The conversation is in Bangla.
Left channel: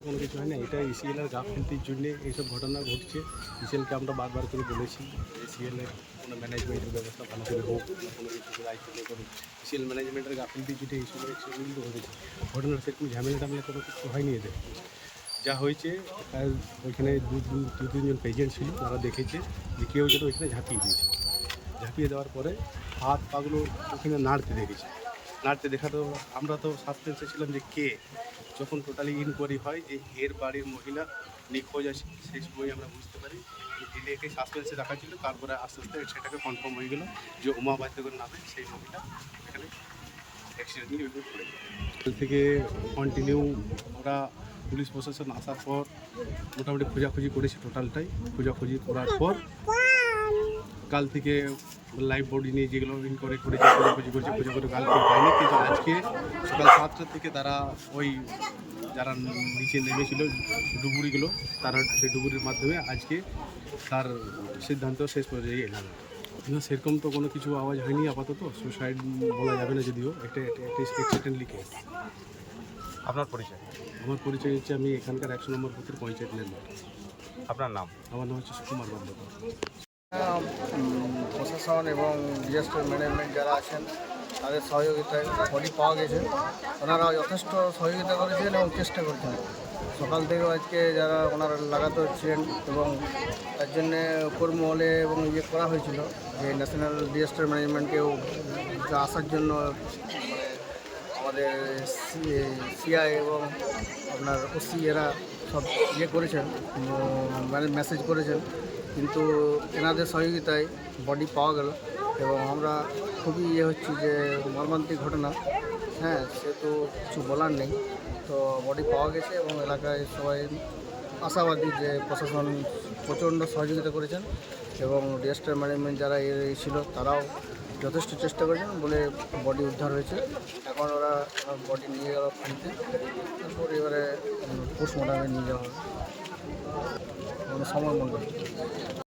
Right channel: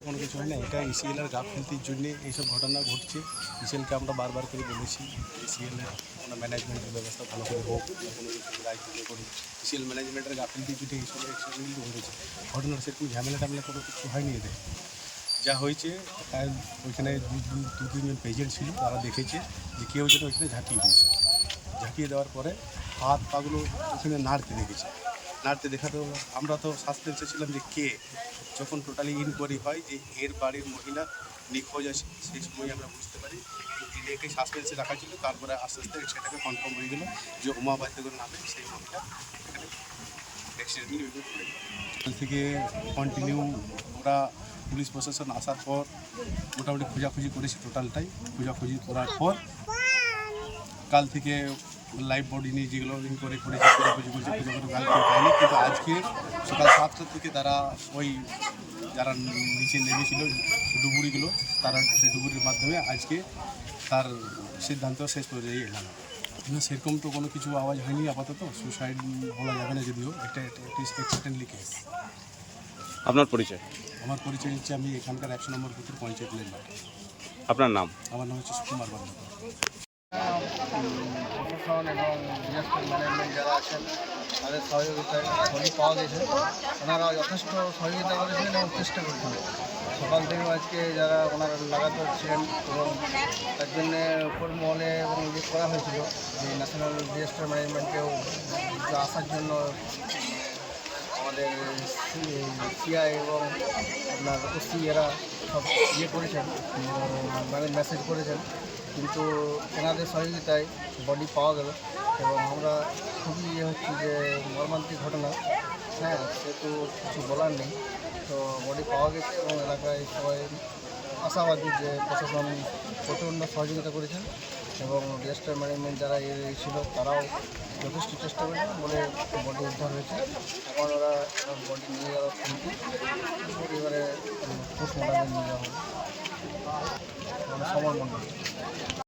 কোনো কিছু হয় না, এটা ইসিএল এর গাফিলতির জন্য এইসব ঘটনা ঘটছে। ইসিএলকে আমরা বারবার করে বলেছি ইসিএল এর কোনো ম্যানেজমেন্টের ব্যবস্থা ভালো করে হোক বা কোনো কিছু দায়িত্ব নিয়ে করুক। ইসিএল ম্যানেজমেন্টের গাফিলতির জন্য এইসব অ্যাক্সিডেন্টগুলো ঘটেছে। ঘটনার সেরকম ঝামেলা টামেলা কোনো কিছু হয়নি এদের। যা হয়েছে ওইখানে দু- দু তিনজন পেজেন্ট ছিল, তারা দেখেছে যে কেউ যেন ওইখানে ঝাঁপিয়ে দিয়েছে। ঝাঁপিয়ে দেওয়ার পরে হাত পাগুলো ওখানে নাড়তে দেখেছে। নাড়তে দেখা তো আমরা তো সাসপেন্সে ছিলাম যে কে যখন টোটালি ইনকোয়ারি হয় যে এর বাড়ির মহিলা নিখোঁজ আছে, সেই সময় আমরা বুঝতে পারি এটাকে সাসপেন্সে রাখা ছিল, তারপরে আস্তে আস্তে সেটাকে কনফার্ম হয়ে গেল যে উমা বাদ্যকর নামে সেই মহিলা এখানে অ্যাক্সিডেন্টলি ওইভাবে পড়ে গেল থেকে কন্টিনিউ ওরা পুলিশ প্রশাসন আসার পর মোটামুটি খোঁজাখুঁজি করেছে টোটালটাই খোঁজাখুঁজি করার পর কাল থেকে লাইভ বডি নিয়ে যেগুলো ইনকোয়ারি করেছে খোঁজাখুঁজি করেছে করে কাল কেউ পায়নি কিন্তু আজকে সকাল সাতটা থেকে তারা ওই যারা নিচে নেমেছিল ডুবুরিগুলো তারা সেই ডুবুরির মাধ্যমে আজকে তার সিদ্ধান্ত শেষ পর্যায়ে এলাম। না সেরকম তো কোনো কিছু আওয়াজ হয়নি আপাতত। সুসাইড বলা যাবে না যদিও। একটা একটা অ্যাক্সিডেন্টলি কেস আপনার পরিচয়? আমার পরিচয় হচ্ছে আমি এখানকার একশো নম্বর বুথের পঞ্চায়েত মেম্বার আপনার নাম? আমার নাম হচ্ছে সুকুমার বাদ্যকর উম, প্রশাসন এবং ডিজাস্টার ম্যানেজমেন্ট যারা আছেন, তাদের সহযোগিতায় বডি পাওয়া গেছে। ওনারা যথেষ্ট সহযোগিতা করেছেন এবং চেষ্টা করেছেন। সকাল থেকেও আজকে যারা ওনারা লাগাতে হচ্ছেন এবং তার জন্যে উপর মহলে এবং ইয়ে করা হয়েছিল যে ন্যাশনাল ডিজাস্টার ম্যানেজমেন্টেও আসার জন্য সিআই এবং আপনার ওসি এরা সব ইয়ে করেছেন মানে মেসেজ করেছেন। কিন্তু এনাদের সহযোগিতায় বডি পাওয়া গেল এবং আমরা খুবই ইয়ে হচ্ছি যে মর্মান্তিক ঘটনা। হ্যাঁ সেহেতু কিছু বলার নেই। তো বডি পাওয়া গেছে এবং এলাকায় সবাই আশাবাদী যে প্রশাসন প্রচণ্ড সহযোগিতা করেছেন এবং ডিজাস্টার ম্যানেজমেন্ট যারা ছিল তারাও যথেষ্ট চেষ্টা করেছিলাম বলে বডি উদ্ধার হয়েছে। এখন ওরা বডি নিয়ে যাওয়া খানিতে এবারে পোস্টমর্টমে নিয়ে যাওয়া হবে। সময় মন্ডল মণ্ডল